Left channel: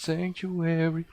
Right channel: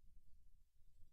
sanctuary.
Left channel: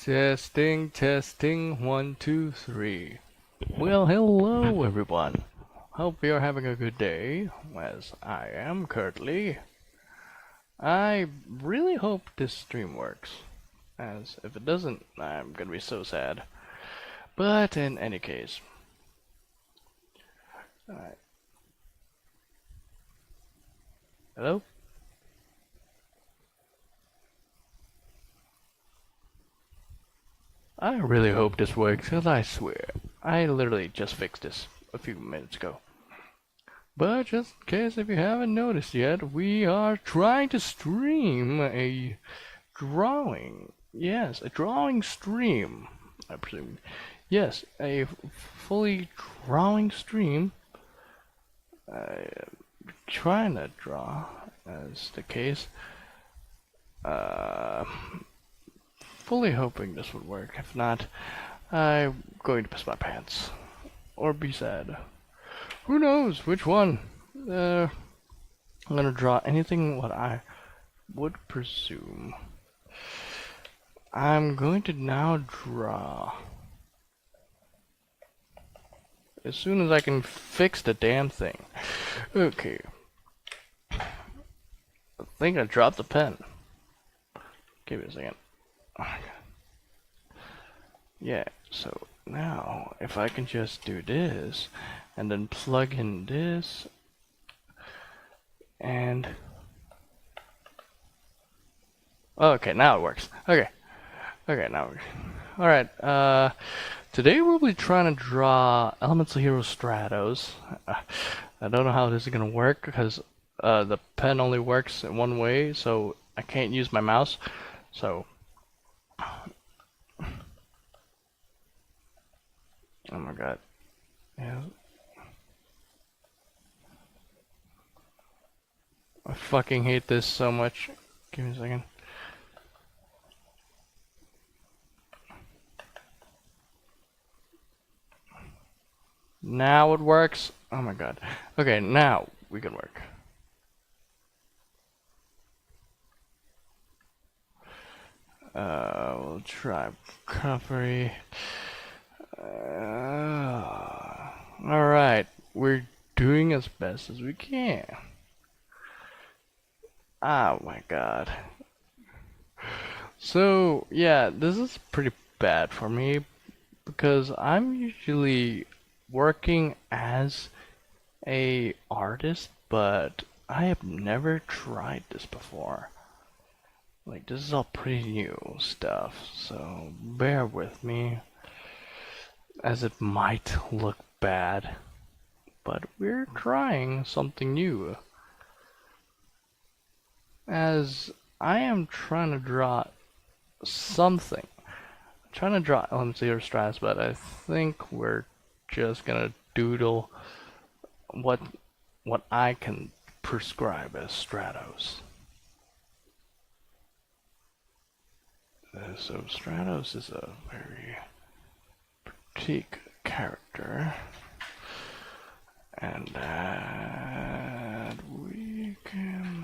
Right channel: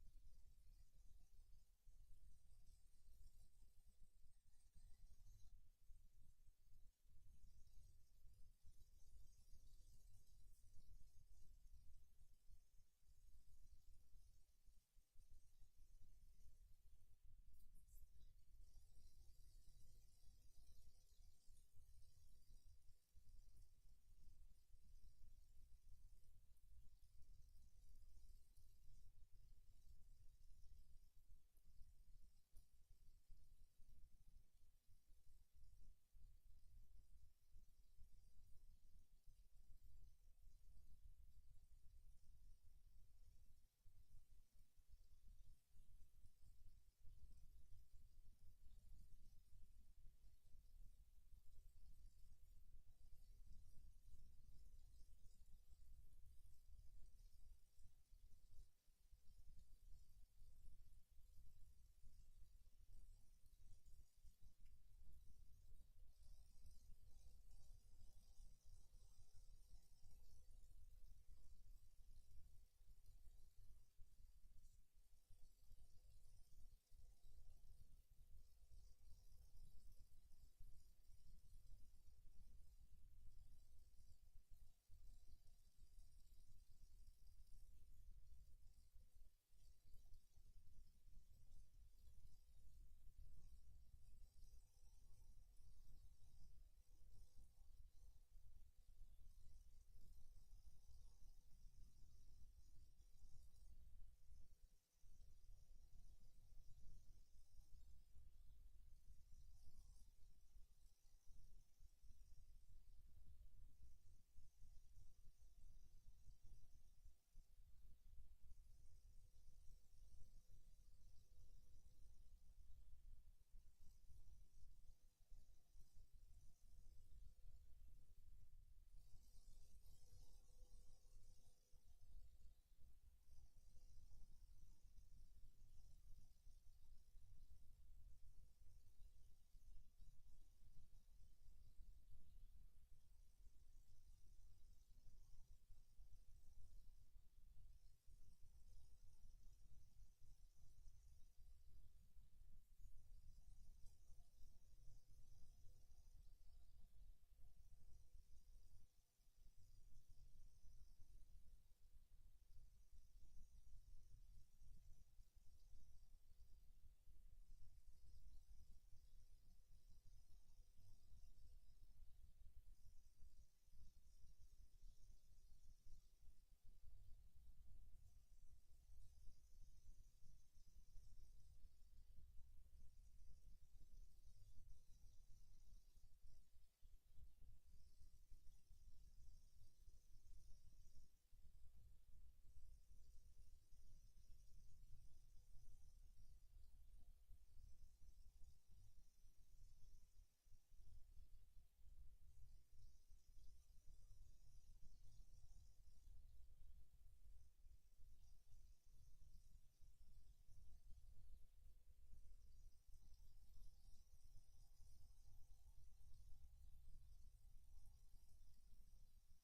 Testing, testing, 1, 2, 3. Well, hello everyone. Hope you're having a good day, as I am currently. I really hope this stream works, as if it doesn't, I'm gonna be so sad. But in any case, hello? I really hope this works, cause I swear, I literally just fixed this a few minutes ago. But just in case if you haven't noticed yet, we are trying to stream a drawing. Yes, a drawing stream, I presume. Yes, a fully drawing stream. Trying to draw, as the case. Uh, Fully hoping this would work. If not, I'm going to piss my pants. Or be sad. Who knows which one? I'm gonna draw anything what I would presume. I'm going to now draw. As soon as I can fix the damn thing. Okay. I think I dropped the pen. Give me a second. Oh, yeah, so now if I can just do this and then plug in this and okay, now it works. Okay, now it works. Alright, today we'll be trying to draw Elemental Hero Stratos. I don't know how this is gonna work because the pen only works in one way, so I can't use my mouse. So oh my god. Yeah. I fucking hate this so much. Give me a second. Now it works. Oh my god. Okay, now we can work. We'll try recovery. Alright, we're doing as best as we can. Oh my god. So, yeah, this is pretty bad for me because I'm usually working as a artist, but I have never tried this before. Like, this is all pretty new stuff, so bear with me, as it might look bad, but we're trying something new. As I am trying to draw something. I'm trying to draw Elemental Hero Stratos, but I think we're just gonna doodle what I can prescribe as Stratos. So Stratos is a very petite character, and we can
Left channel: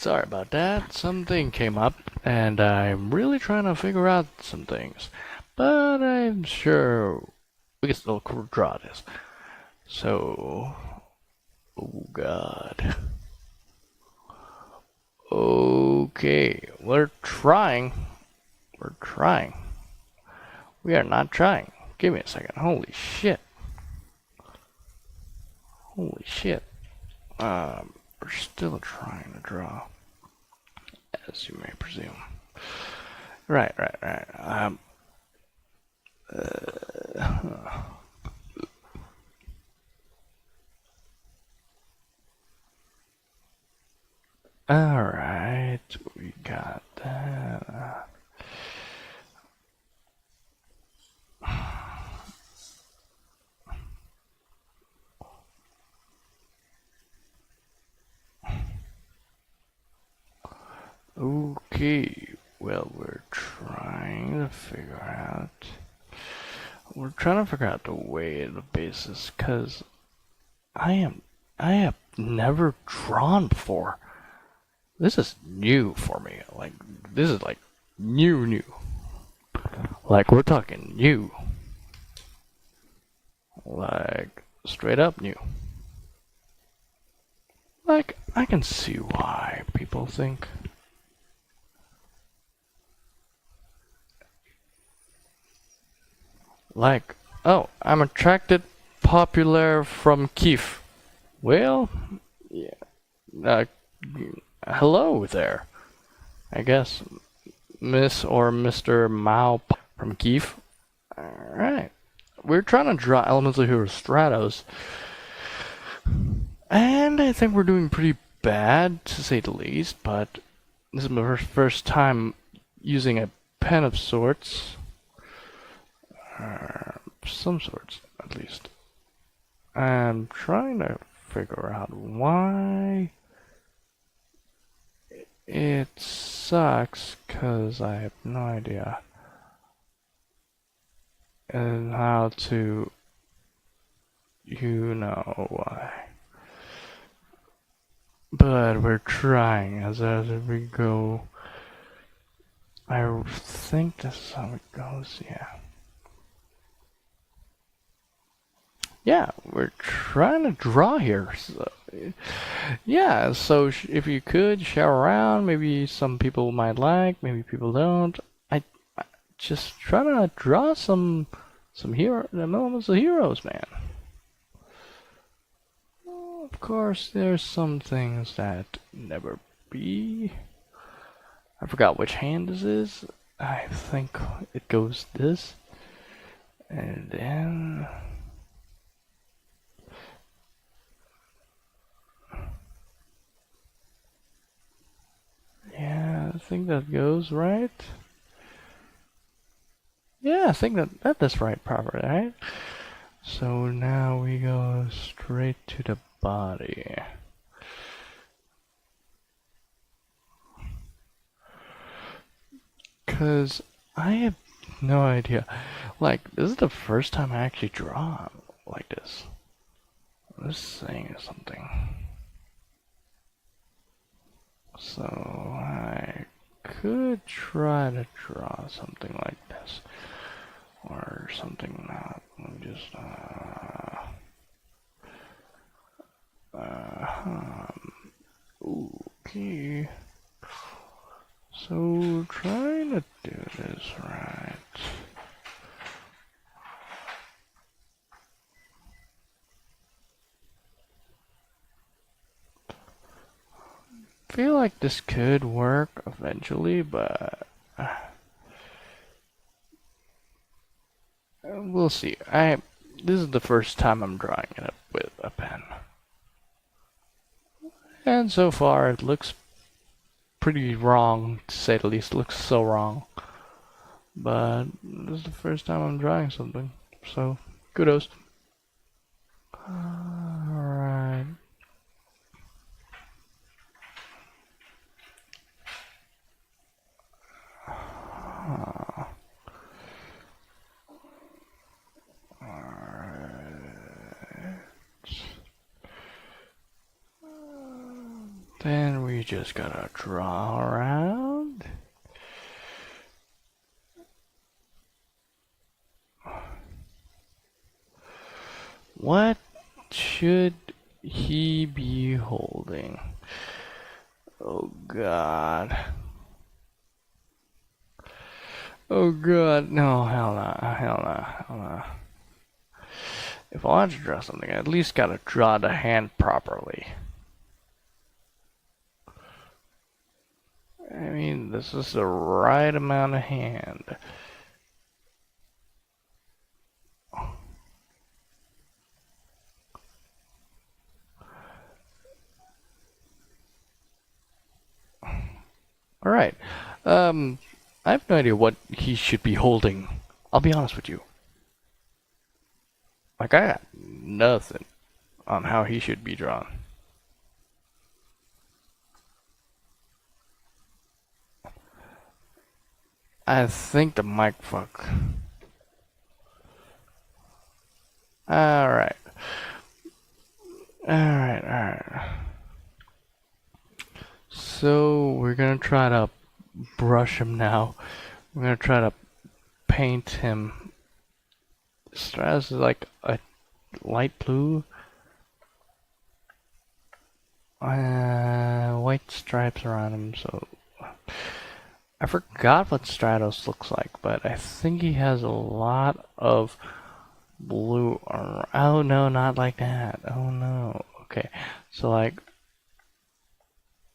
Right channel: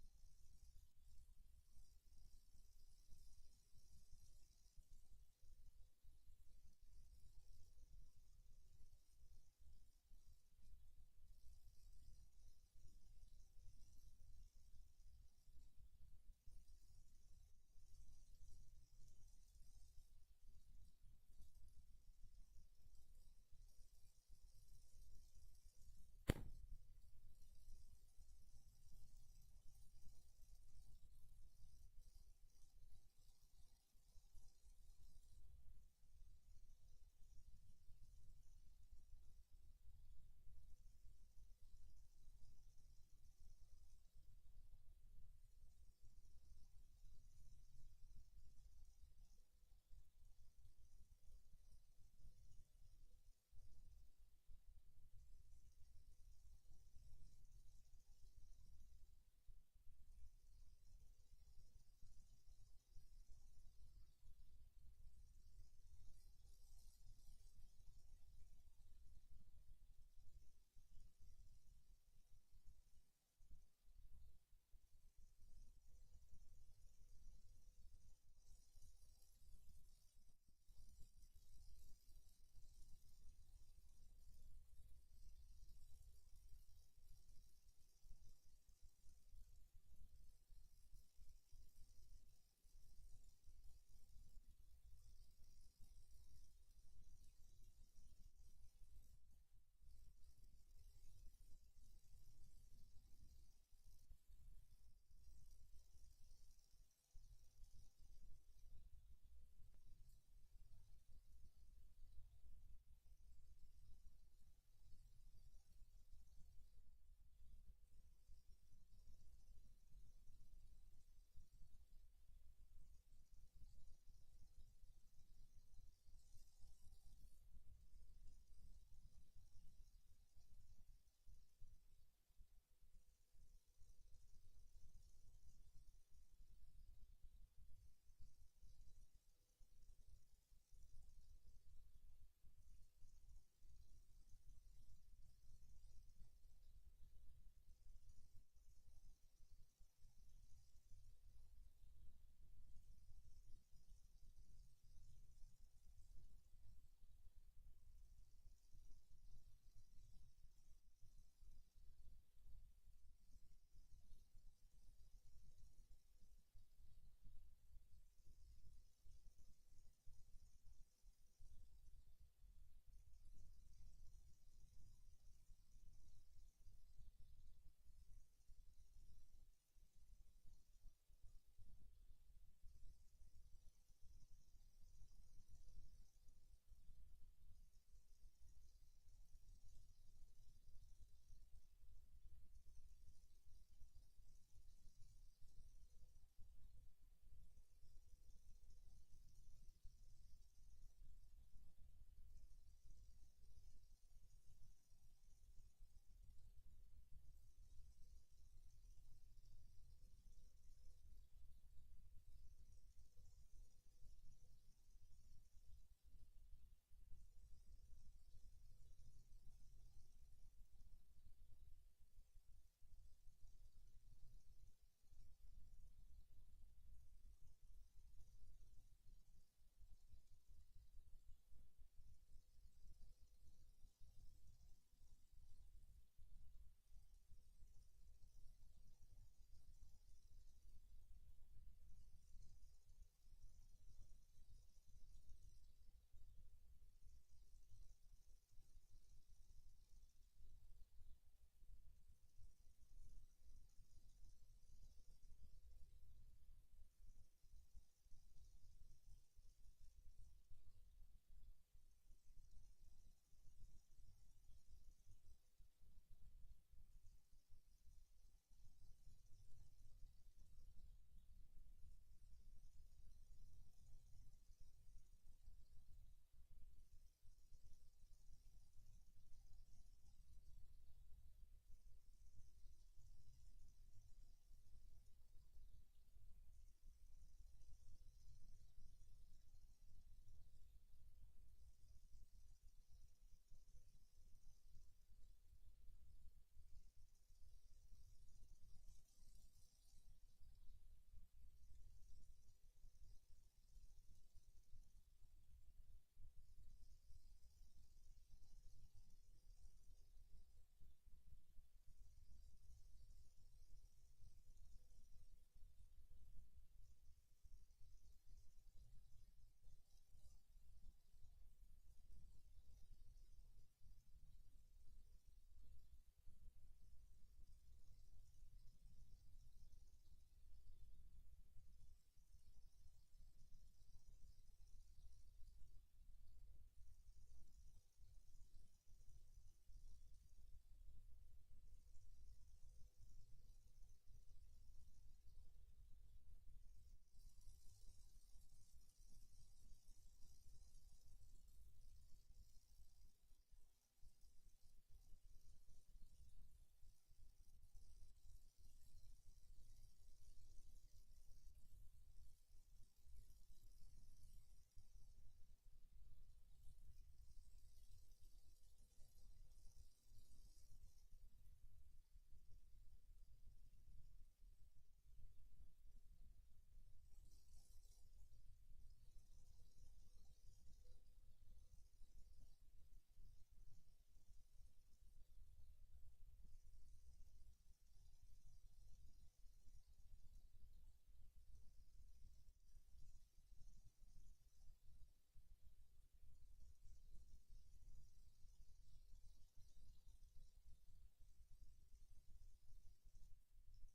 Sorry about that. Something came up, and I'm really trying to figure out some things. But I'm sure we can still draw this. So, oh God. Okay, we're trying. We're trying. We are not trying. Give me a second. Holy shit. Holy shit. We're still trying to draw, as you may presume. Right. Alright, we got that. Okay, well, we're trying to figure out. We're trying to figure out the way of the basis, cause I have never drawn before. This is new for me. Like, this is like new. Like, we're talking new. Like, straight up new. Like, I can see why people think. Like, oh, I'm attracted, popular from Kiev. Well, yeah, uh, hello there. I guess Miss or Mr. Mao from Kiev. Alright. We're trying to draw elements of Hero Stratos. And I think we're doing pretty bad, to say the least, but this is my first time using a pen of sorts. Some sorts, at least. I'm trying to figure out why it sucks, because I have no idea and how to, you know why. But we're trying as we go. I think this is how it goes, yeah. Yeah, we're trying to draw here. So, yeah, so if you could share around, maybe some people might like, maybe people don't. I just trying to draw some elements of heroes, man. Of course, there's some things that never be. I forgot which hand this is. I think it goes this, and then. Yeah, I think that goes right. Yeah, I think that's right, proper, right? So now we go straight to the body. Cause I have no idea. Like, this is the first time I actually draw like this. This thing is something. So I could try to draw something like this. Or something not. Let me just, okay. So trying to do this right. Feel like this could work eventually, but we'll see. This is the first time I'm drawing it with a pen. And so far it looks pretty wrong, to say the least. It looks so wrong. But this is the first time I'm drawing something. So, kudos. Alright. Then we just gotta draw around. What should he be holding? Oh God. Oh God, no, hell no, hell no, hell no. If I want to draw something, I at least gotta draw the hand properly. I mean, this is the right amount of hand. Alright. I have no idea what he should be holding. I'll be honest with you. Like, I got nothing on how he should be drawn. I think the mic fuck. Alright. Alright. So, we're gonna try to brush him now. We're gonna try to paint him. Stratus is like a light blue. White stripes around him, so I forgot what Stratos looks like, but I think he has a lot of blue. Oh no, not like that. Oh no. Okay, so like,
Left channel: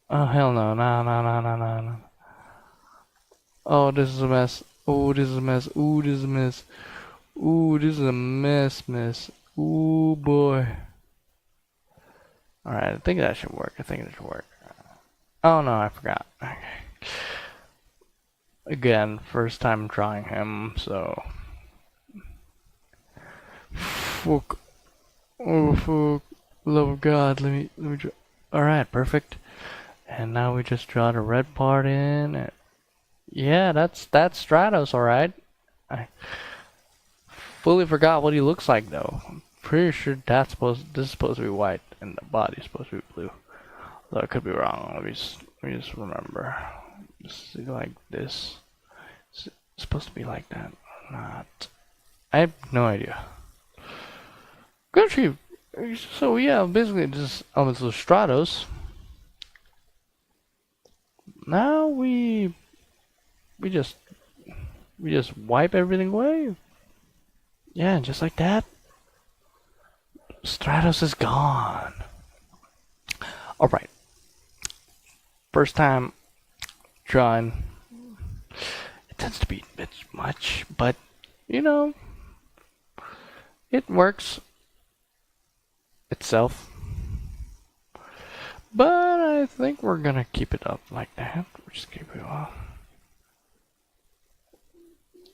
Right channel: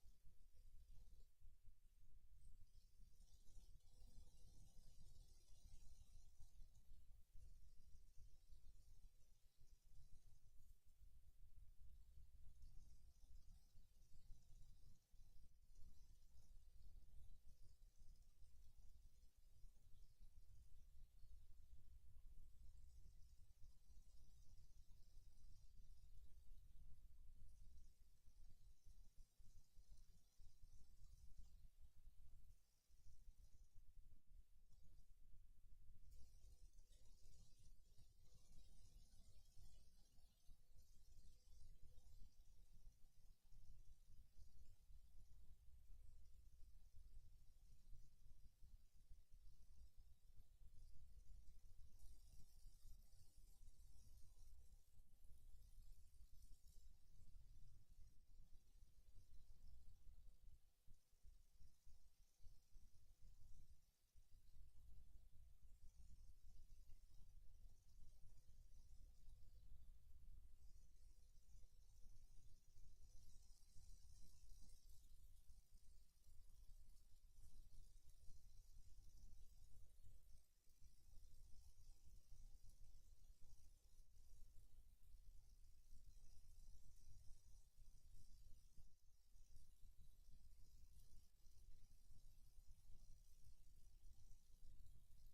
oh hell no, no. Oh, this is a mess. Oh, this is a mess. Ooh, this is a mess. Ooh, this is a mess. Ooh boy. Alright, I think that should work. Oh no, I forgot. Okay. Again, first time drawing him, so. Fuck. Oh fuck. Love of God, let me draw. Alright, perfect. And now we just draw the red part in. Yeah, that's Stratos, alright. I fully forgot what he looks like though. I'm pretty sure this is supposed to be white and the body's supposed to be blue. Though I could be wrong. Let me just remember. Just like this. It's supposed to be like that. Not. I have no idea. Actually, so yeah, basically just elements of Stratos. Now we just wipe everything away. Yeah, just like that. Stratos is gone. Alright. First time drawing. It tends to be a bit much, but you know, it works itself. But I think we're gonna keep it up like that. We'll just keep it off.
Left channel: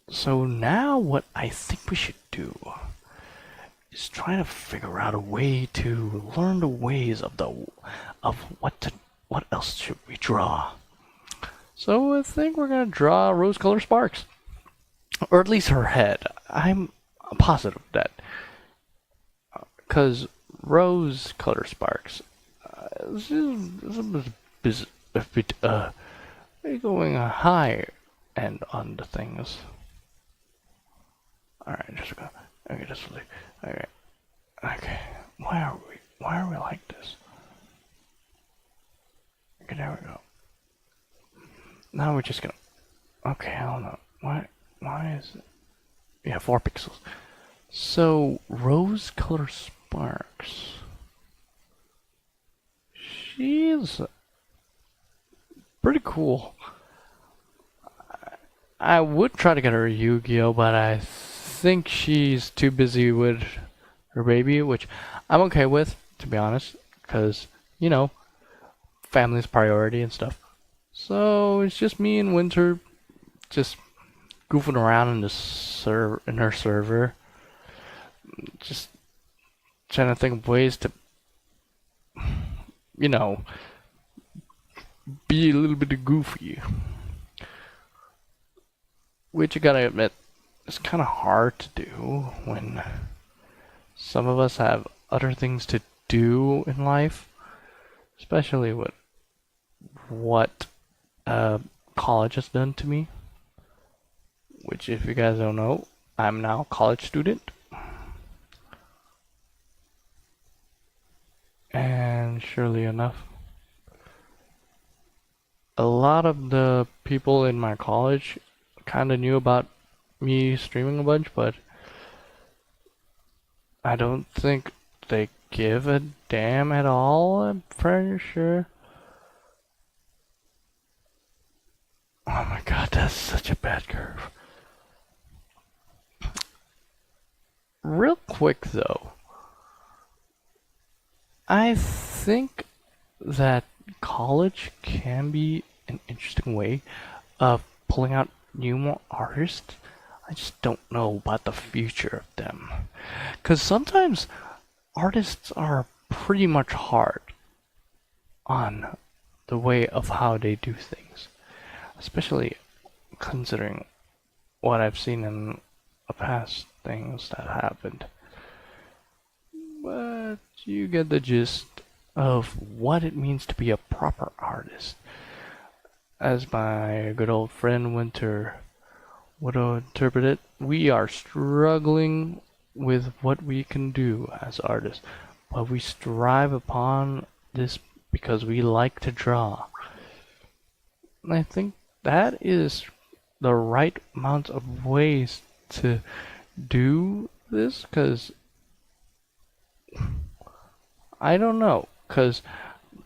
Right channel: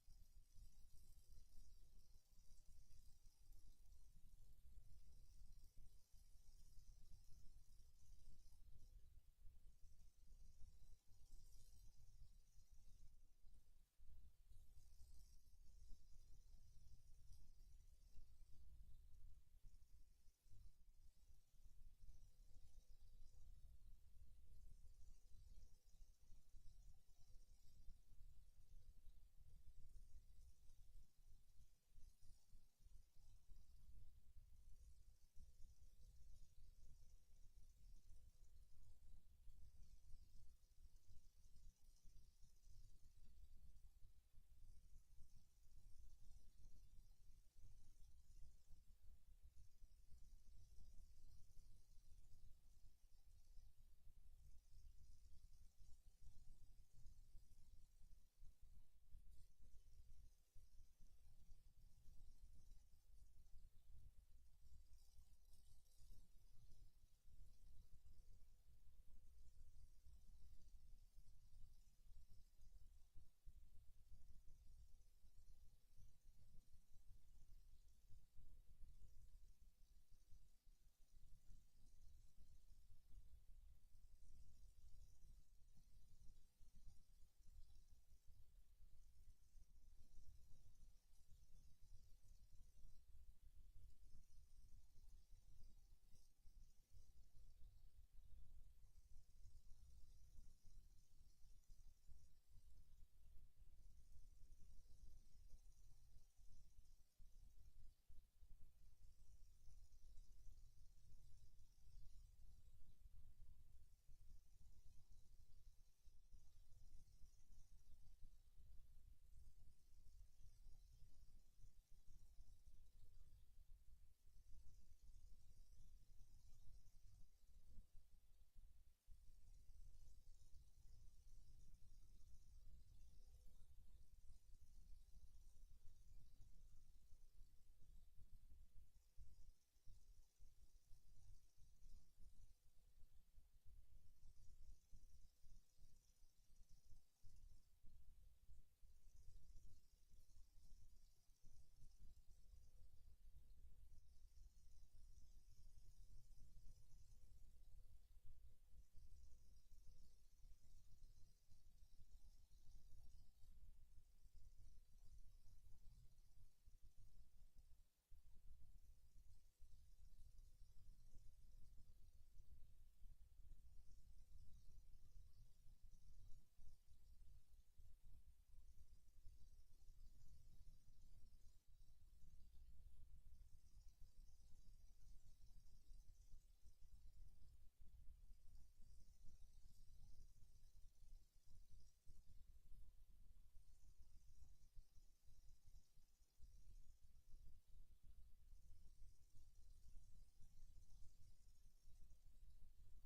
So now what I think we should do is try to figure out a way to learn the ways of what else should we draw. So I think we're gonna draw rose-colored sparks, or at least her head. I'm positive that because rose-colored sparks this is a bit going high end on the things. Alright, just go. Okay, just leave. Okay. Why are we like this? Okay, there we go. Now we're just gonna. Okay, I don't know. Why is it? Yeah, 4 pixels. So rose-colored sparks. She's pretty cool. I would try to get her a Yu-Gi-Oh, but I think she's too busy with her baby, which I'm okay with, to be honest, because, you know, family's priority and stuff. So it's just me and Winter just goofing around in her server, just trying to think of ways to, you know, be a little bit goofy. Which you gotta admit, it's kind of hard to do when some of us have other things to do in life, especially with what college has done to me, which if you guys don't know, I'm now a college student. And surely enough, a lot of the people in my college kind of knew about me streaming a bunch, but I don't think they give a damn at all, I'm pretty sure. Oh my god, that's such a bad curve. Real quick though, I think that college can be an interesting way of pulling out new artists. I just don't know about the future of them. Because sometimes artists are pretty much hard on the way of how they do things, especially considering what I've seen in the past things that happened. But you get the gist of what it means to be a proper artist. As my good old friend Winter would interpret it, we are struggling with what we can do as artists, but we strive upon this because we like to draw. And I think that is the right amount of ways to do this, because I don't know, because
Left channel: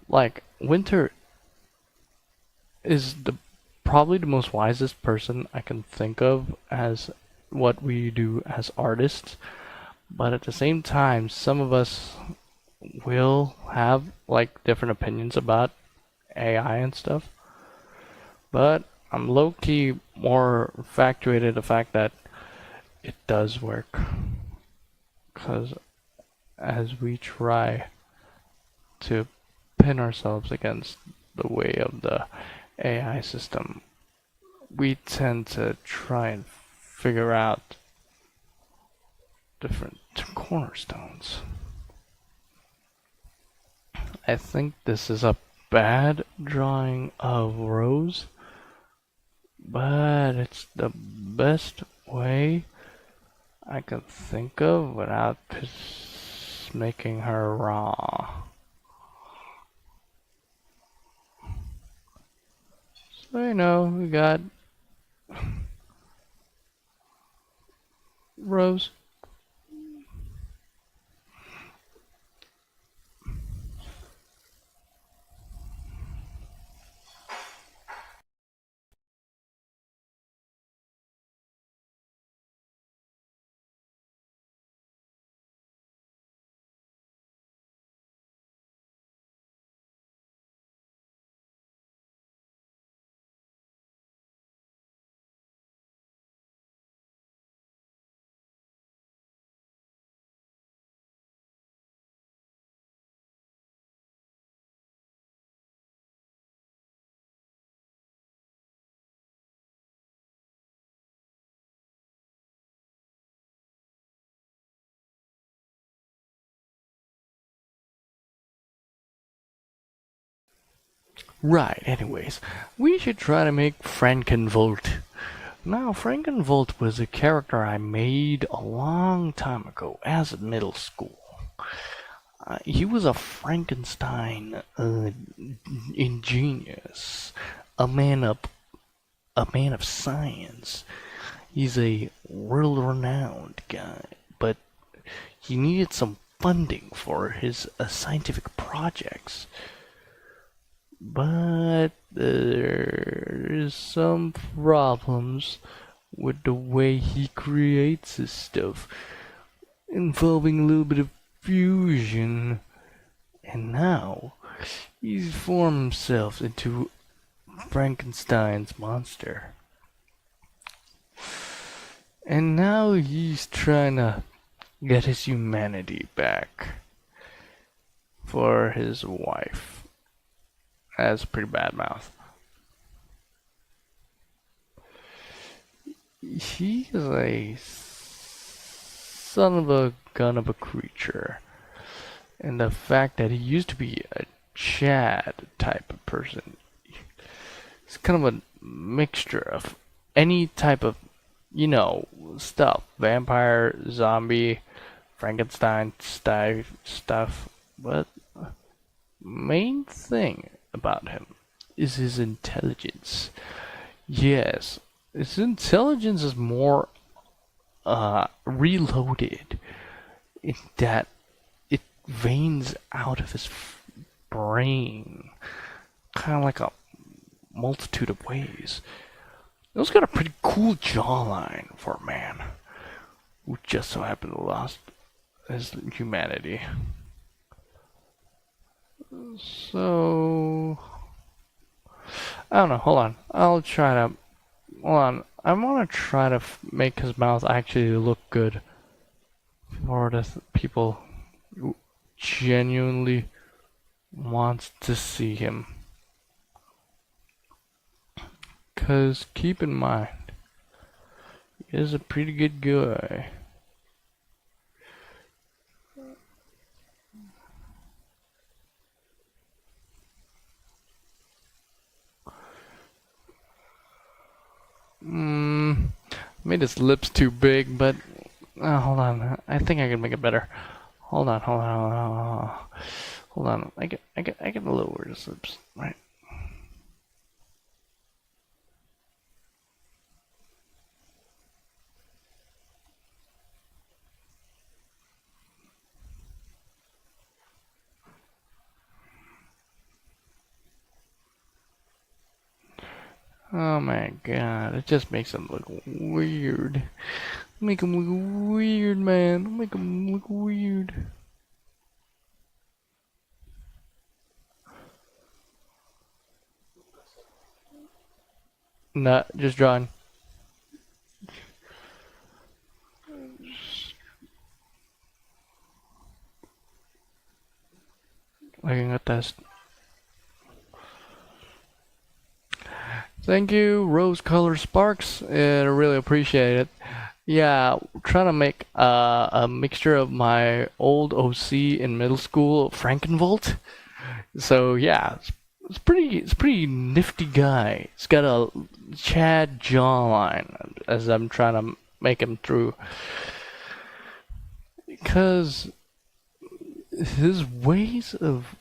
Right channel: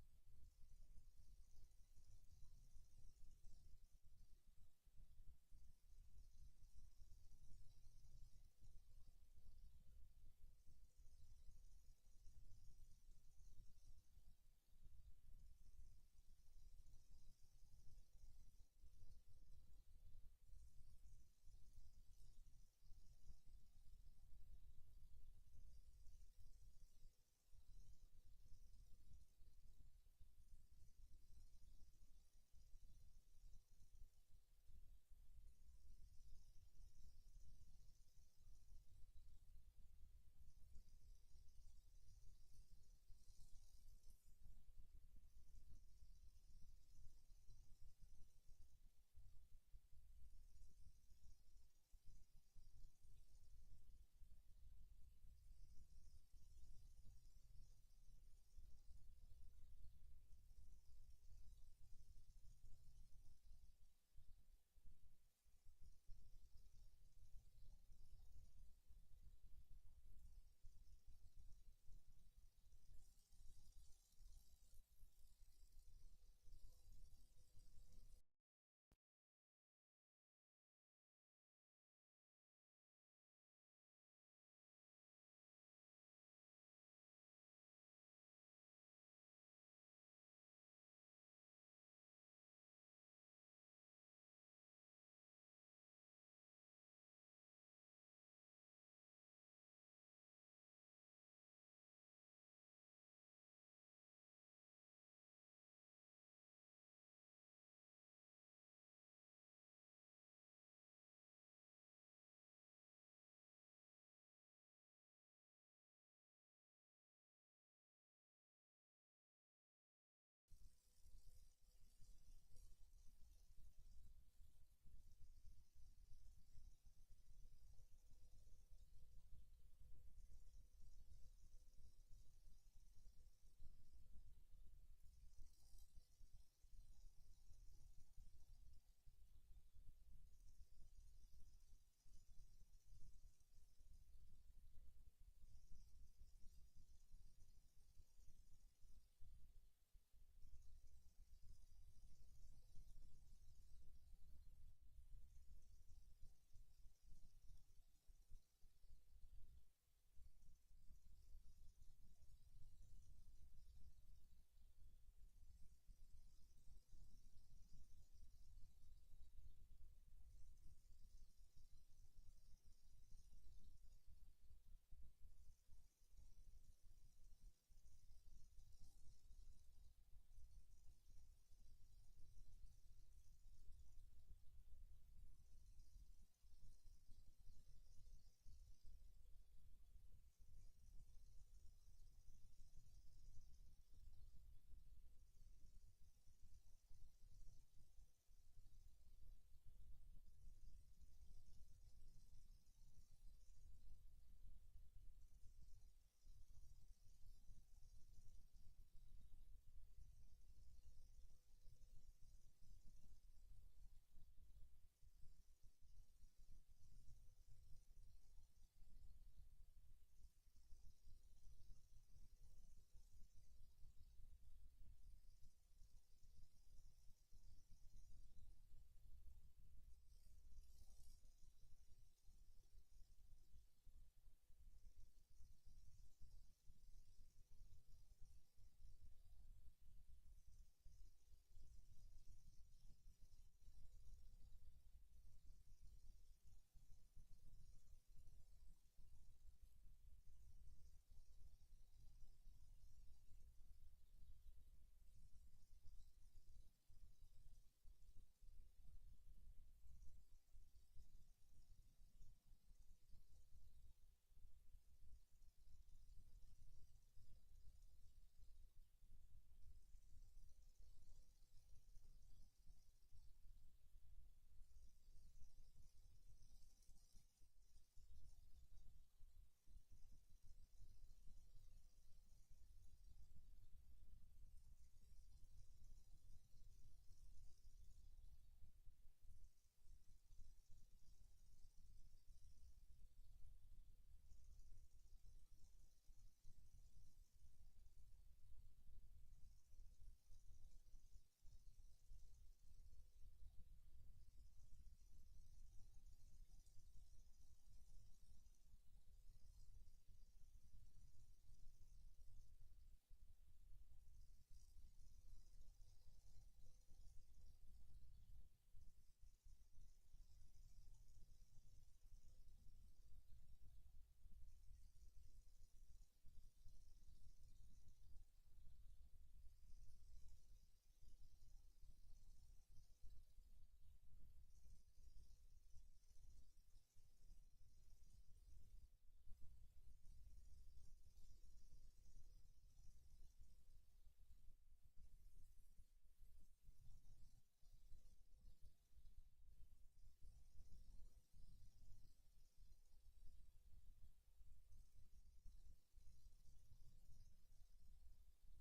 like Winter is the probably the most wisest person I can think of as what we do as artists, but at the same time some of us will have like different opinions about AI and stuff. But I'm low-key more infatuated the fact that it does work, because as we try to pin ourselves against the way of the AI system, we tend to try and figure out different cornerstones. I think this is a bad drawing of Rose, but it's the best way I can think of without making her raw. So you know, we got Rose. Right, anyways, we should try to make Frankenvolt. Now, Frankenvolt was a character I made a long time ago as a middle school. He was a Frankenstein ingenious, a man of a man of science. He's a world-renowned guy, but he needed some funding for his scientific projects. But there is some problems with the way he creates his stuff, involving a little bit of fusion. And now he's formed himself into Frankenstein's monster. And now he's trying to get his humanity back for his wife. That's a pretty bad mouth. He's a son of a gun of a creature. And the fact that he used to be a Chad type of person, It's kind of a mixture of any type of, you know, stuff. Vampire, zombie, Frankenstein stuff. But main thing about him is his intelligence. Yes, his intelligence is more reloaded in that it veins out of his brain, kind of like a multitude of ways. He's got a pretty cool jawline for a man who just so happened to lost his humanity. So I don't know. Hold on. I'll try to. Hold on. I want to try to make his mouth actually look good for the people who genuinely wants to see him. Cause keep in mind, he is a pretty good guy. Made his lips too big, but hold on. I think I can make it better. Hold on, hold on. I can lower his lips, right? Oh my god, it just makes him look weird. Make him look weird, man. Make him look weird. Nah, just drawing. Looking at this. Thank you, Rose Color Sparks. I really appreciate it. Yeah, trying to make a mixture of my old OC in middle school, Frankenvolt. So yeah, it's pretty nifty guy. He's got a Chad jawline as I'm trying to make him through. Because his ways of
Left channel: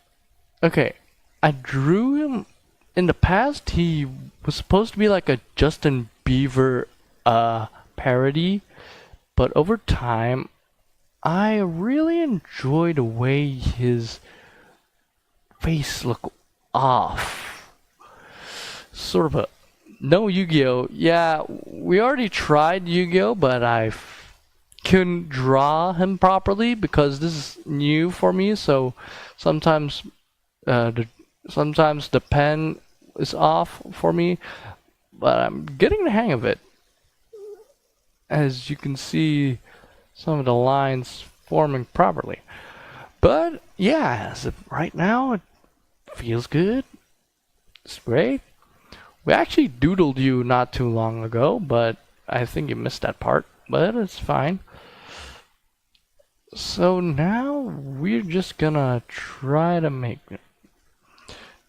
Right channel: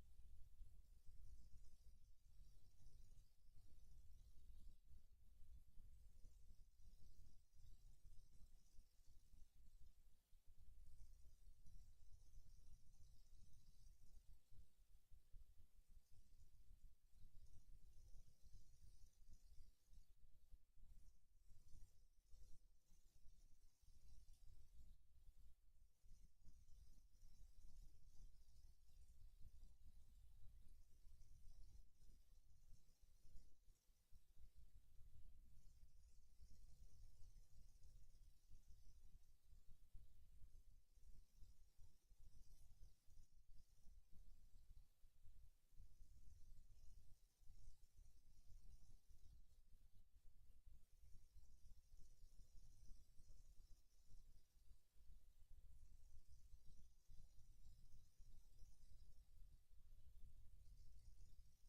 okay, I drew him in the past. He was supposed to be like a Justin Bieber parody, but over time I really enjoy the way his face looked off. Sort of a no Yu-Gi-Oh! Yeah, we already tried Yu-Gi-Oh! But I couldn't draw him properly because this is new for me, so sometimes sometimes the pen is off for me, but I'm getting the hang of it. As you can see, some of the lines forming properly. But yeah, as of right now, it feels good. It's great. We actually doodled you not too long ago, but I think you missed that part. But it's fine. So now we're just gonna try to make it.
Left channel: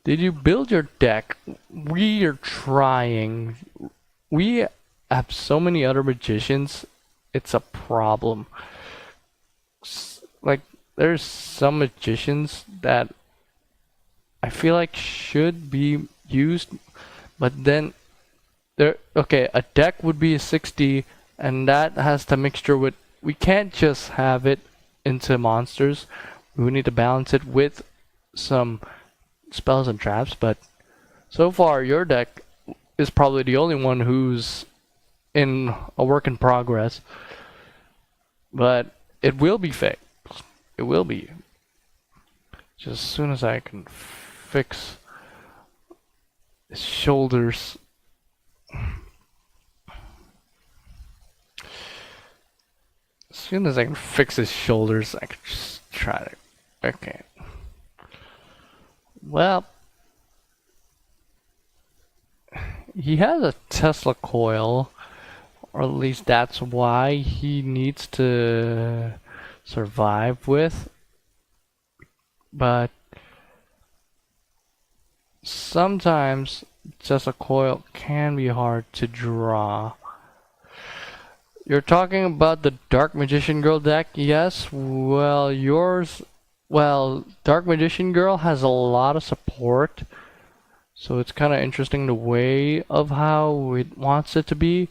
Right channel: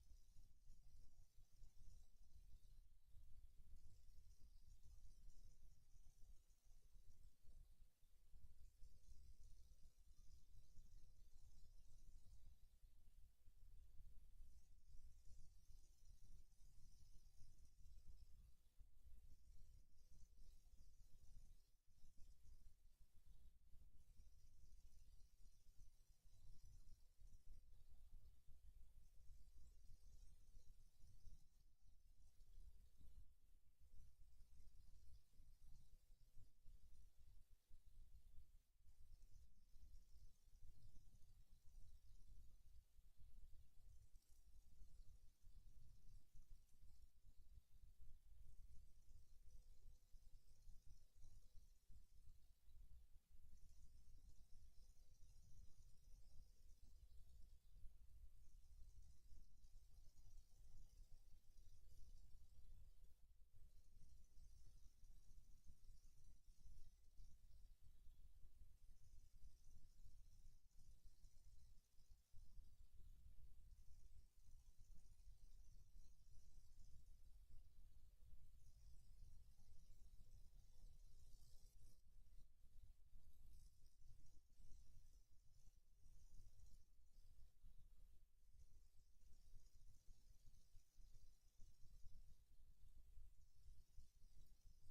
Did you build your deck? We are trying. We have so many other magicians. It's a problem. Like, there's some magicians that I feel like should be used, but then there. Okay, a deck would be a 60, and that has the mixture with. We can't just have it into monsters. We need to balance it with some spells and traps, but so far your deck is probably the only one who's in a work in progress. But it will be fixed. It will be. Just as soon as I can fix his shoulders. As soon as I can fix his shoulders, I can just try to. Okay. Well, he has a Tesla coil, or at least that's why he needs to survive with. But sometimes just a coil can be hard to draw. You're talking about the Dark Magician Girl deck? Yes. Well, Dark Magician Girl has a lot of support, so it's kind of interesting the way of how it wants it to be,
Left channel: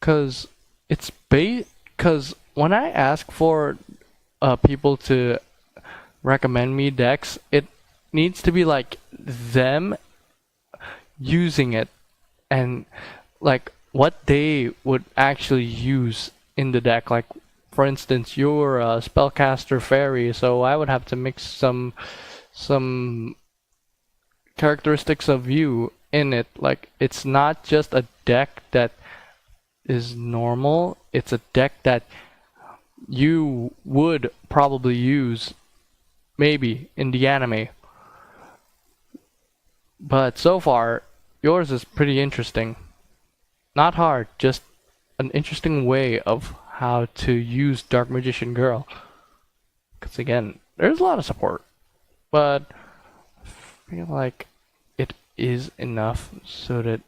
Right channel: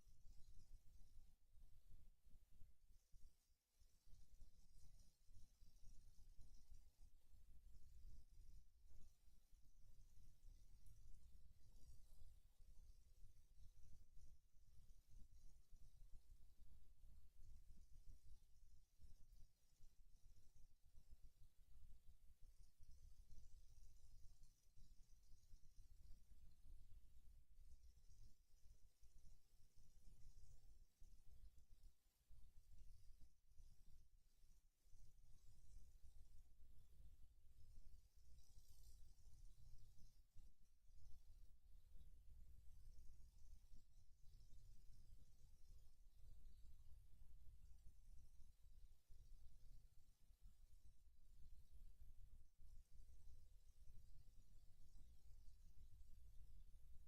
cause cause when I ask for people to recommend me decks, it needs to be like them using it and like what they would actually use in the deck. Like, for instance, you're a spellcaster fairy, so I would have to mix some characteristics of you in it. Like, it's not just a deck that is normal, it's a deck that you would probably use maybe in the anime. But so far, yours is pretty interesting. Not hard, just an interesting way of how to use Dark Magician Girl. Because again, there's a lot of support, but I feel like it is enough so that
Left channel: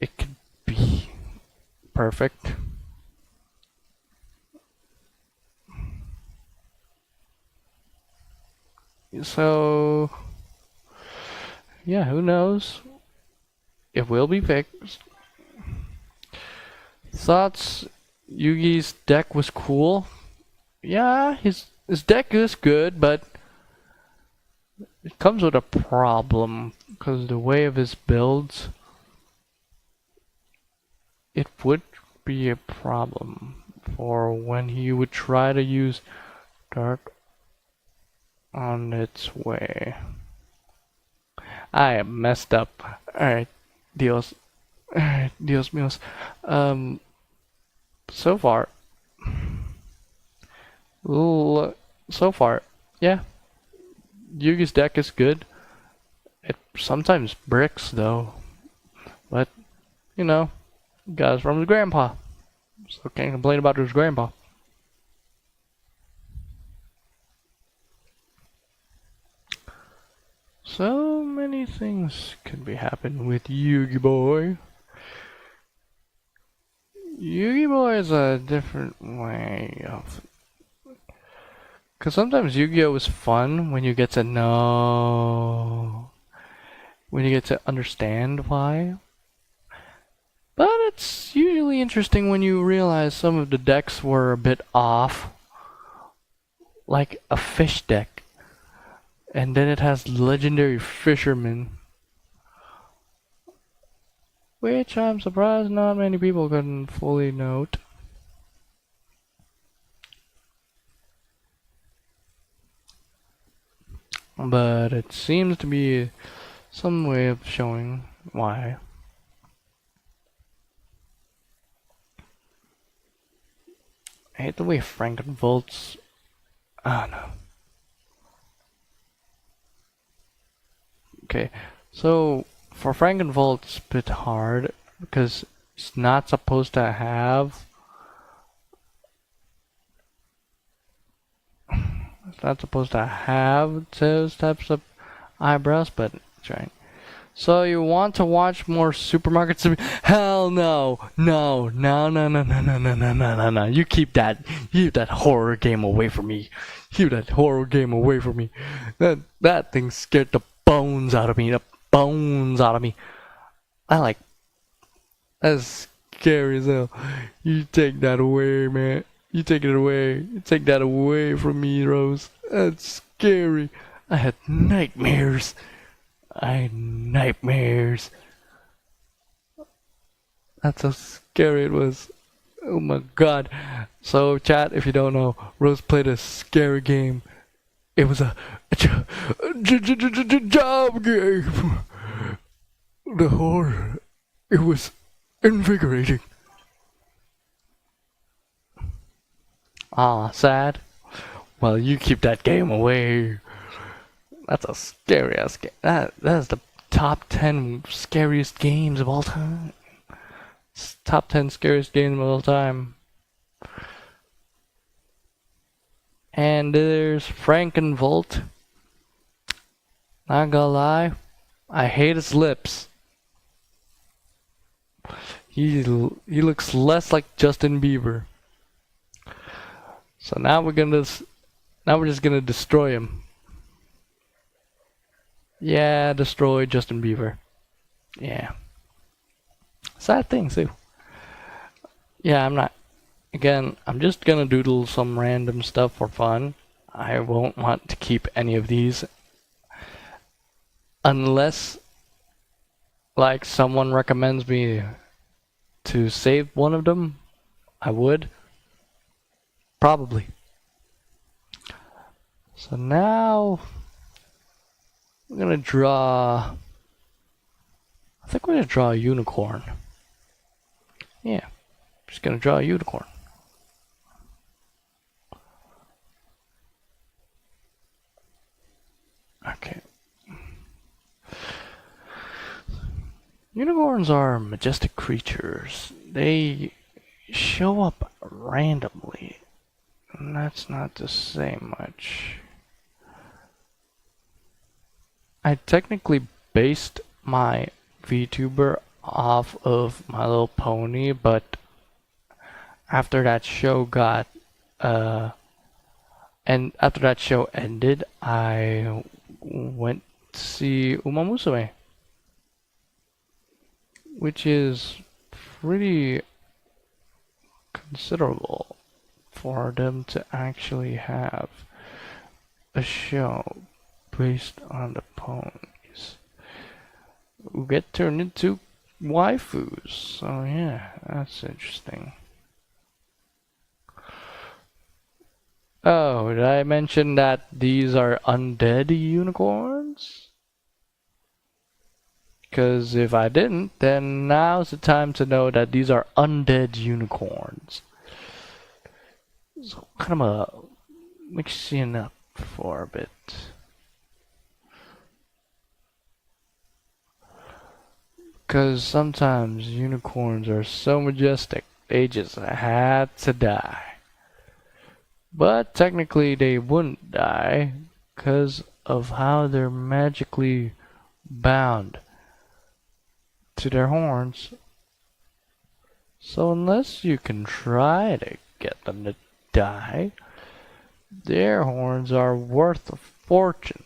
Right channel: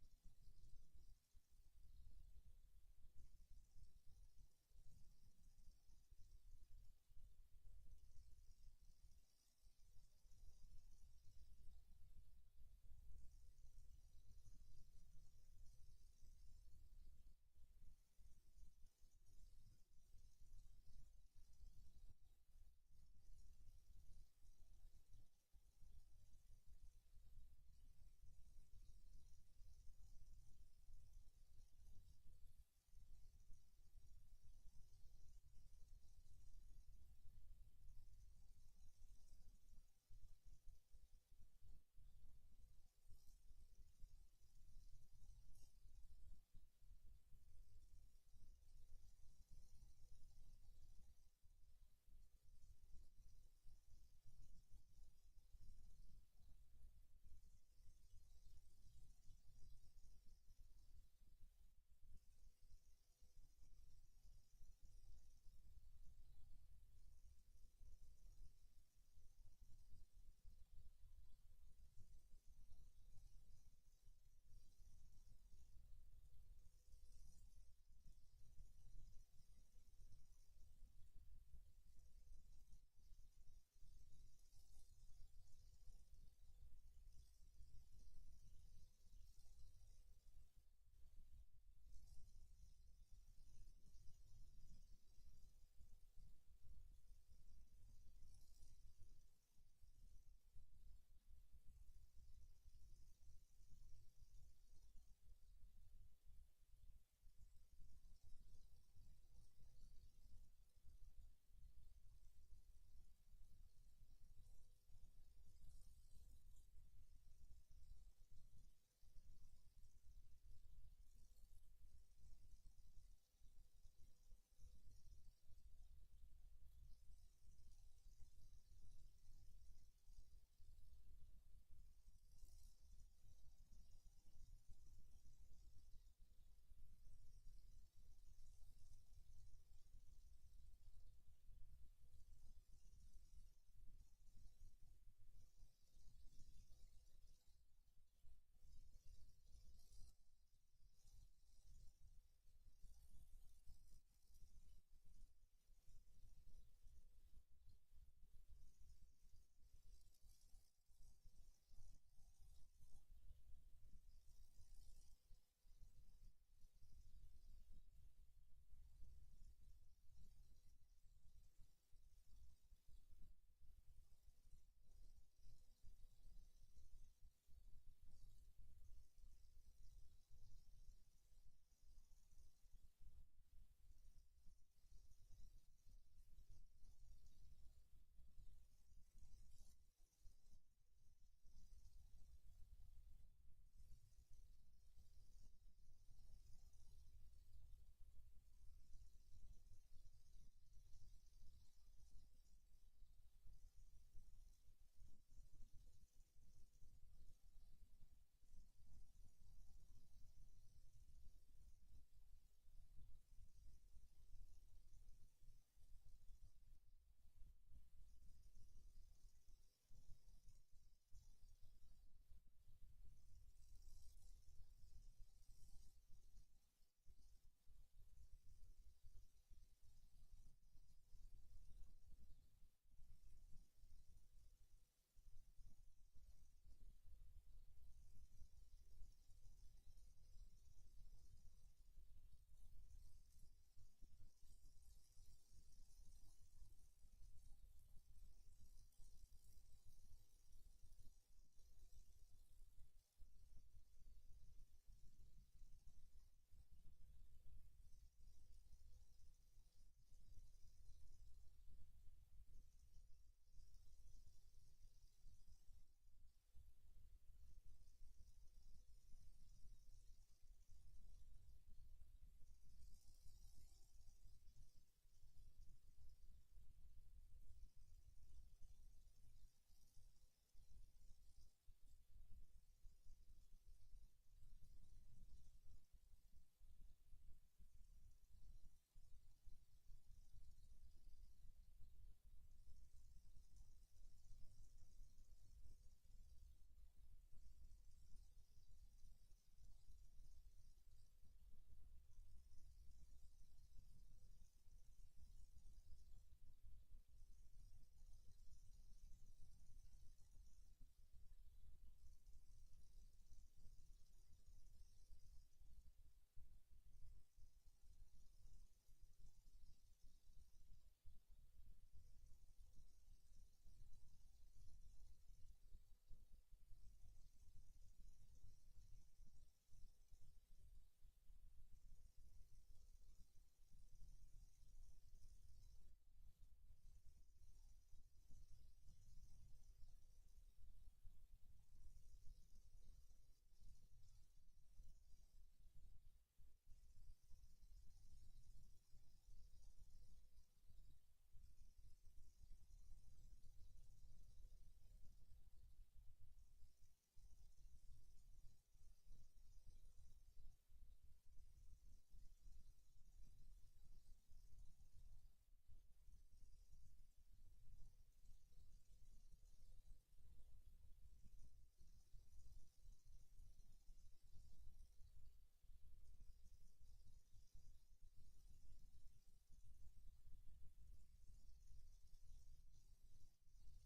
it could be perfect. So, yeah, who knows? It will be fixed. Thoughts? Yugi's deck was cool. Yeah, his deck is good, but it comes with a problem because the way of his builds, it would be a problem for when he would try to use dark on its way. I am messed up. Alright, Dios. Alright, Dios míos. So far. So far, yeah. Yugi's deck is good. It sometimes bricks though. But, you know, got it from his grandpa. So can't complain about his grandpa. So many things could be happening with Yugi Boy. Yugi Boy is a different way of... Because sometimes Yu-Gi-Oh! Is fun when you get to know... when you get to understand why. But it's usually interesting when you realize some of the decks were a bit off. Like a fish deck. And then it has legendary fisherman. Which I'm surprised not many people can fully note. But it seems to be some way of showing why. I hate the way Frankenvolt's... Ah, no. Okay, so for Frankenvolt it's a bit hard because it's not supposed to have... It's not supposed to have those types of eyebrows, but it's right. So you want to watch more Supermarket Simi? Hell no, no, no, no, no, no, no, no, no, no, no, no. You keep that horror game away from me. Keep that horror game away from me. That thing scared the bones out of me. The bones out of me. That's scary as hell. You take that away, man. You take it away. You take that away from me, Rose. That's scary. I had nightmares. Nightmares. That's how scary it was. Oh my god. So, chat, if you don't know, Rose played a scary game. It was a job game. The horror. It was invigorating. Ah, sad? Well, you keep that game away. That's a scary ass game. That is the top 10 scariest games of all time. It's top 10 scariest games of all time. And there's Frankenvolt. Not gonna lie, I hate his lips. He looks less like Justin Bieber. So now we're just gonna destroy him. Yeah, destroy Justin Bieber. Yeah. Sad thing too. Yeah, I'm not. Again, I'm just gonna doodle some random stuff for fun. I won't want to keep any of these unless, like, someone recommends me to save one of them. I would. Probably. So now I'm gonna draw. I think we're gonna draw a unicorn. Yeah, just gonna draw a unicorn. Okay. Unicorns are majestic creatures. They show up randomly. And that's not to say much. I technically based my VTuber off of My Little Pony, but after that show got and after that show ended, I went to see Uma Musume, which is pretty considerable for them to actually have a show based on the ponies who get turned into waifus. So yeah, that's interesting. Oh, did I mention that these are undead unicorns? Because if I didn't, then now's the time to know that these are undead unicorns. So kind of mixing up for a bit. Because sometimes unicorns are so majestic, they just had to die. But technically they wouldn't die because of how they're magically bound to their horns. So unless you can try to get them to die, their horns are worth a fortune.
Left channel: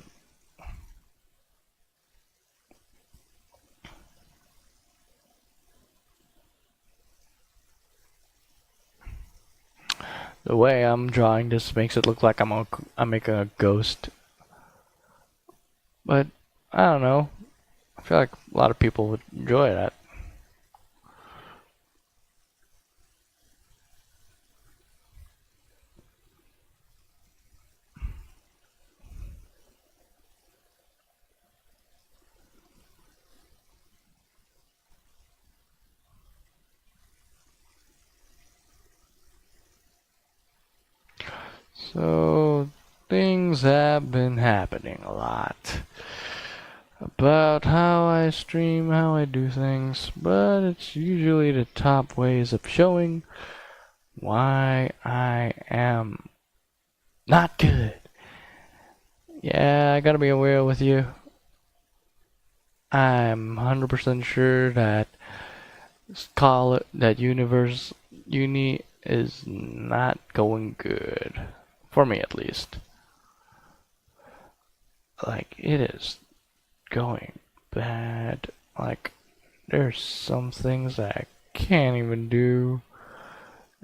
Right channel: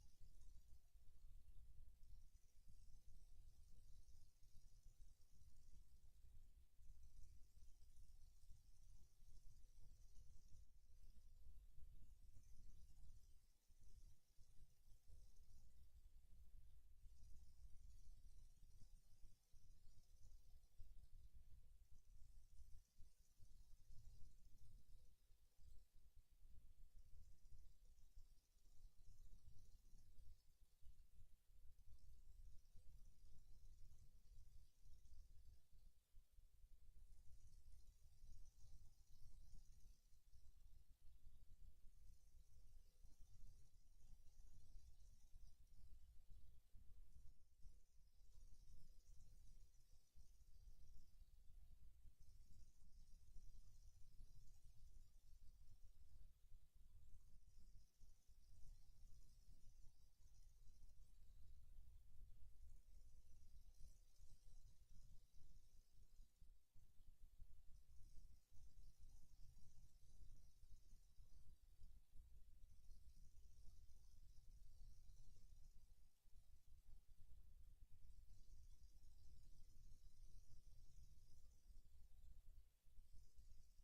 The way I'm drawing this makes it look like I'm making a ghost. But I don't know. I feel like a lot of people would enjoy that. So things have been happening a lot about how I stream, how I do things, but it's usually the top ways of showing why I am not good. Yeah, I gotta be aware with you. I'm 100% sure that universe uni is not going good. For me at least. Like, it is going bad. Like, there's some things that I can't even do.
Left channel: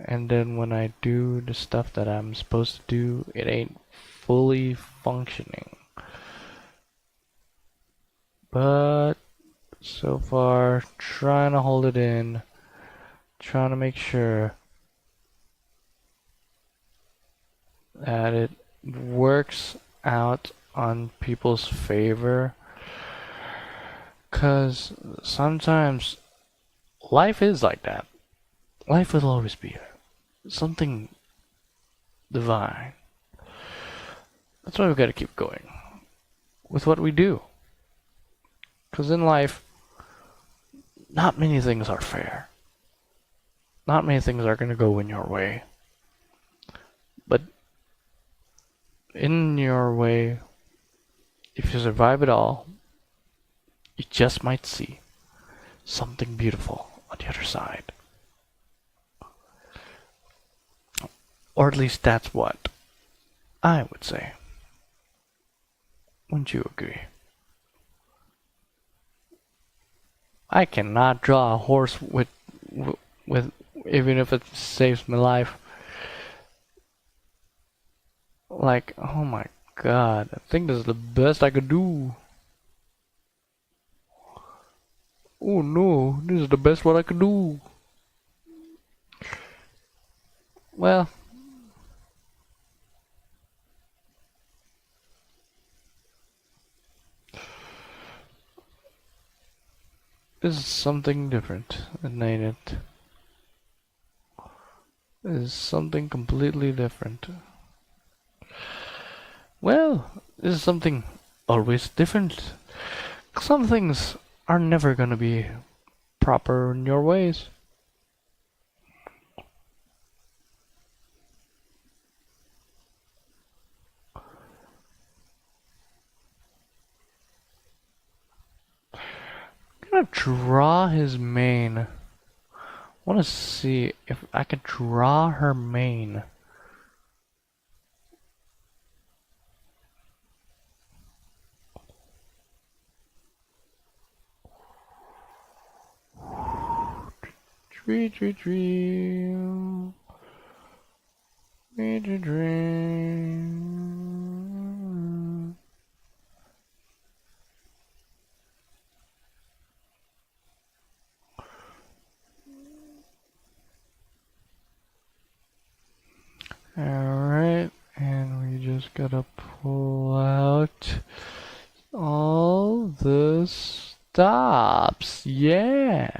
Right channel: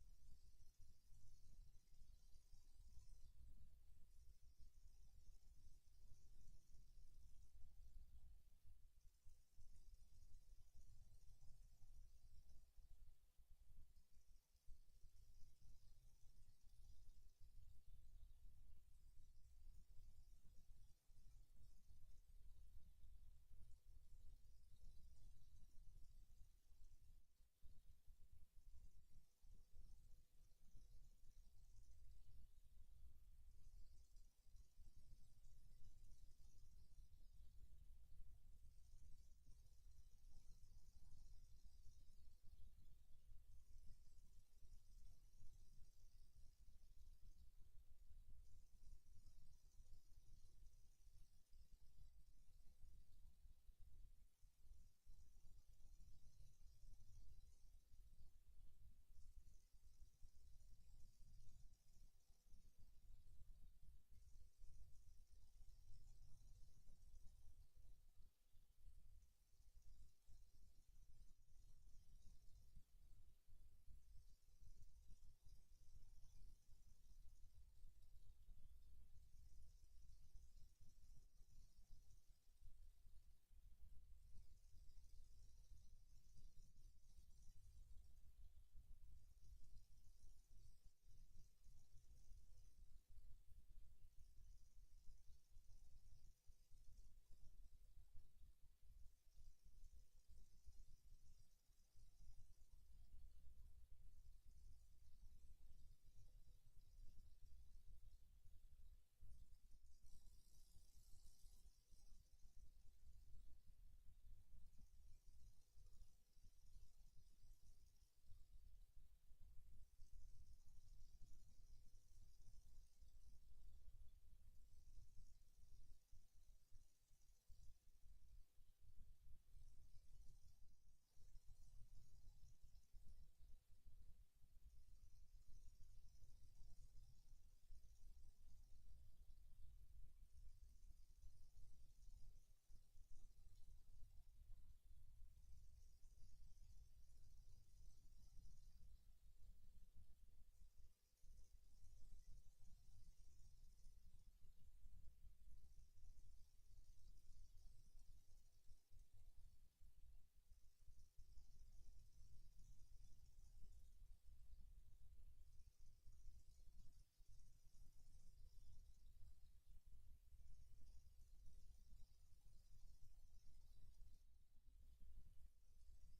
And then when I do the stuff that I'm supposed to do, it ain't fully functioning. But so far, trying to hold it in, trying to make sure that it works out on people's favor. Because sometimes life is like that. Life will always be something divine. That's why we gotta keep going with what we do. Because in life, not many things are fair. Not many things are gonna go in your way. But in your way, if you survive it all, you just might see something beautiful on the other side. Or at least that's what I would say. Wouldn't you agree? I cannot draw a horse with even if it saves my life. Like, oh my god, I think this is the best I could do. Oh no, this is the best what I could do. Well, this is something different, ain't it? This is something completely different. Well, this is something always different. Some things are never gonna be proper in your ways. I'm gonna draw his mane. I wanna see if I can draw her mane. Tree, tree, tree. Tree, tree, tree. Alright, and we just gotta pull out all the stops. Yeah.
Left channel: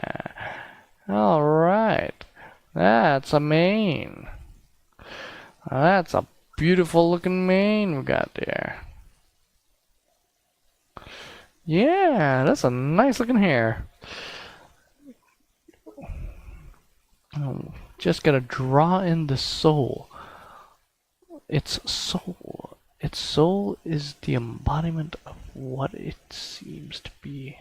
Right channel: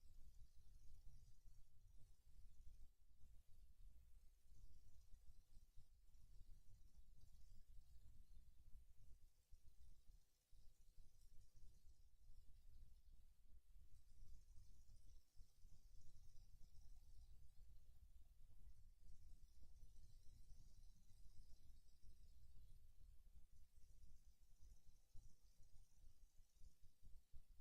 Alright. That's a mane. That's a beautiful looking mane we got there. Yeah, that's a nice looking hair. Oh, just gotta draw in the soul. Its soul. Its soul is the embodiment of what it seems to be.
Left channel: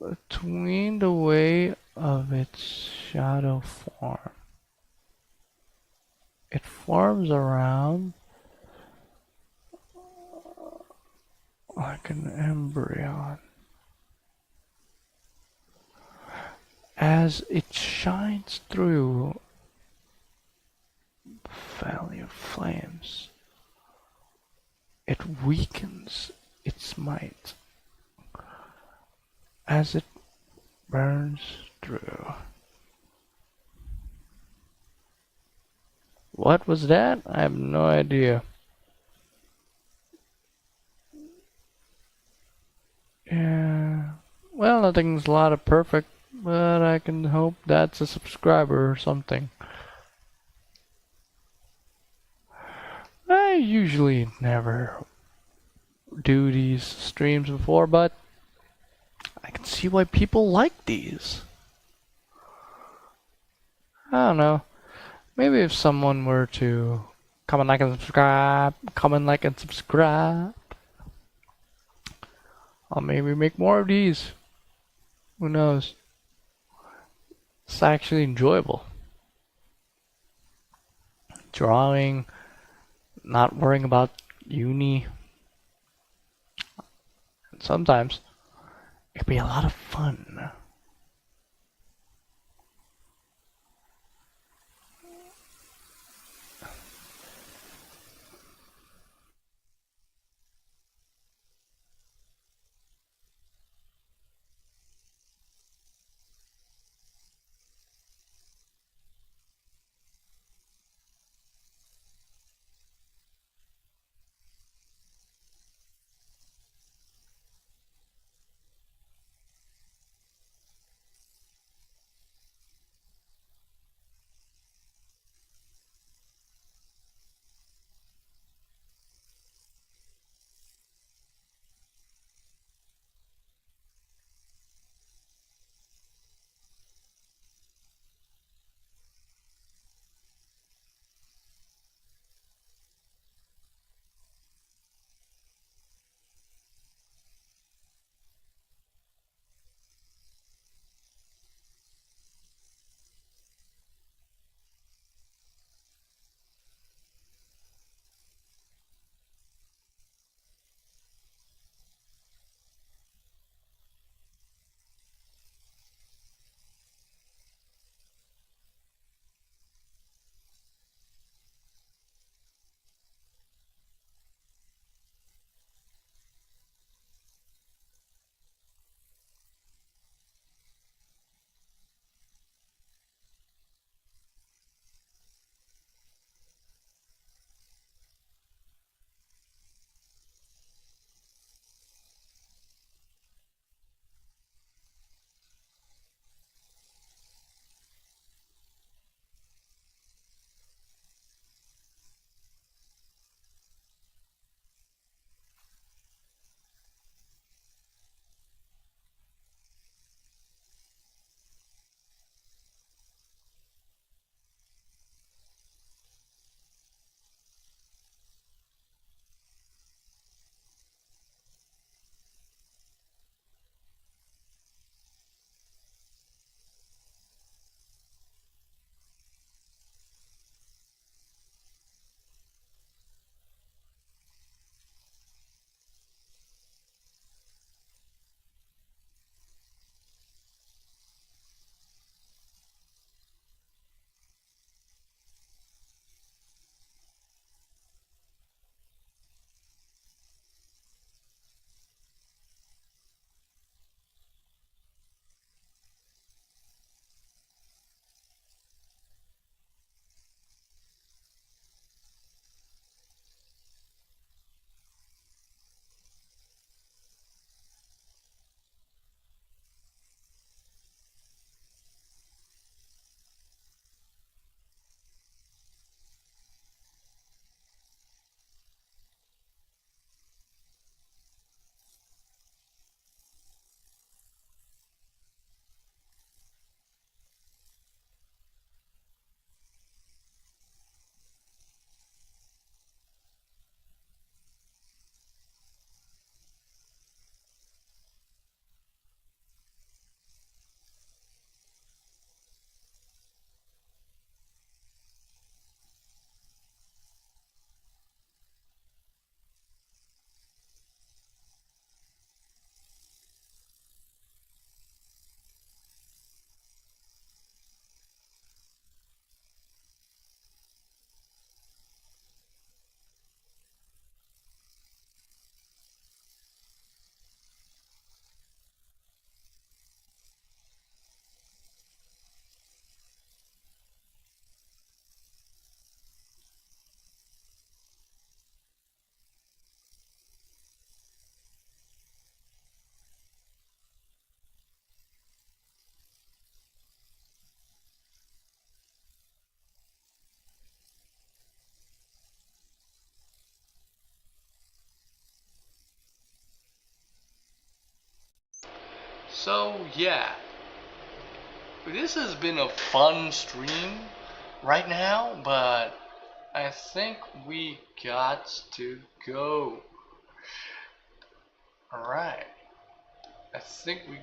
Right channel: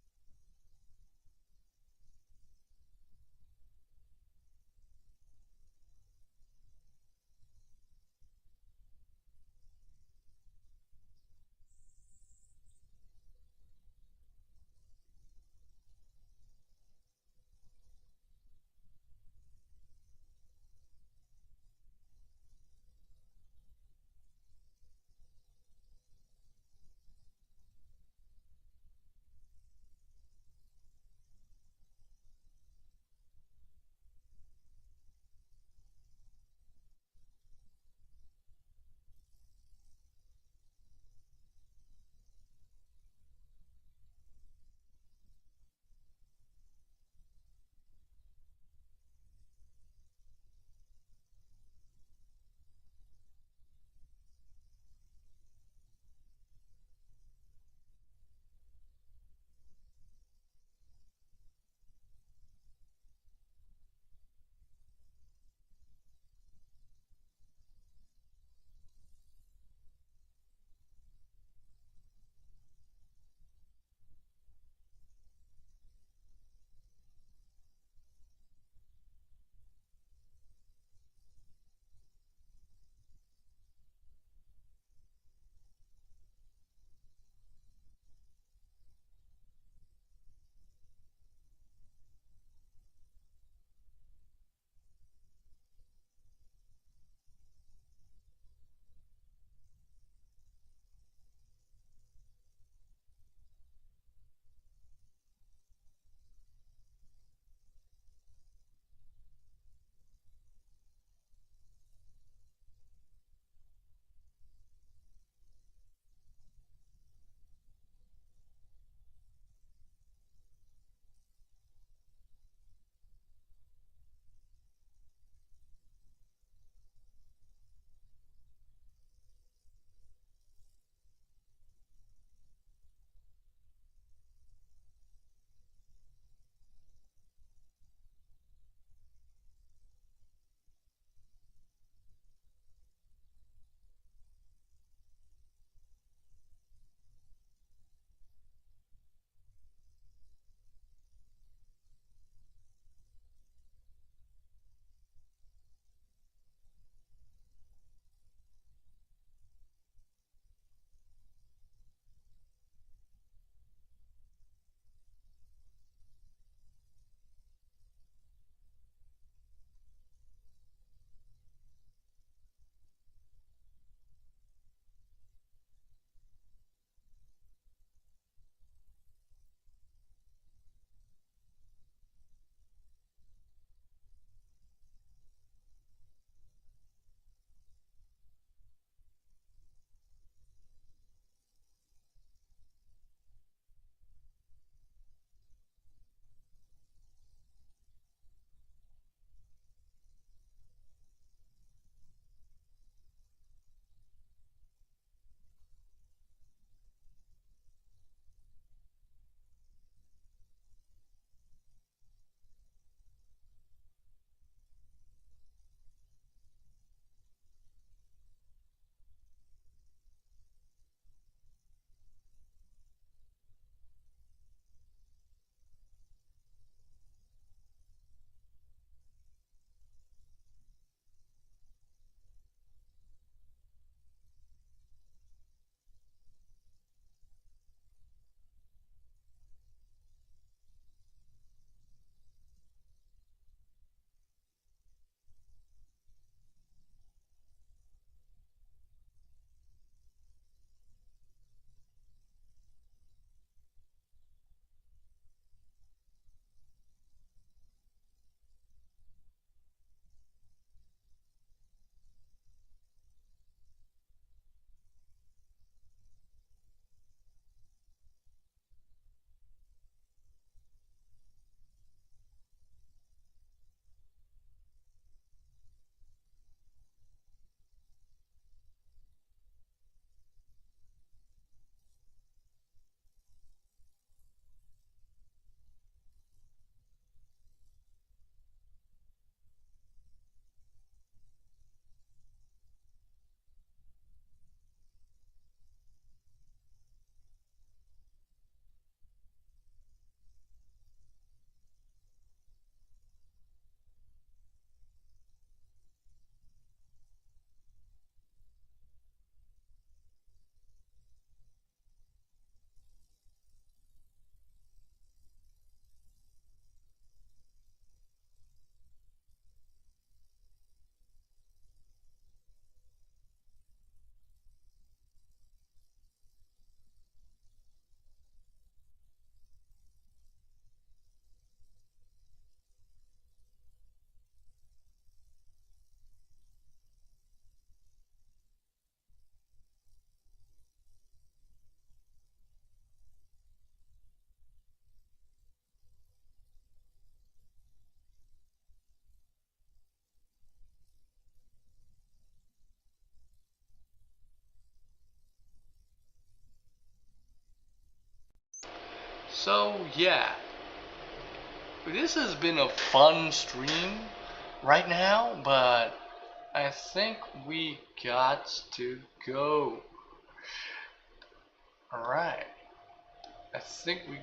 Between the way of its shadow form. It forms around like an embryo. As it shines through the valley of flames, it weakens its might as it burns through. What was that? I have no idea. Yeah. Well, nothing's a lot of perfect, but I can hope that's a subscriber or something. I usually never do these streams before, but I can see why people like these. I don't know. Maybe if someone were to comment, like, and subscribe, comment, like, and subscribe, I'll maybe make more of these. Who knows? It's actually enjoyable. Drawing, not worrying about uni. Sometimes it can be a lot of fun. So yeah, this has been a fun stream right now, but I think we got to go. Alright, I think we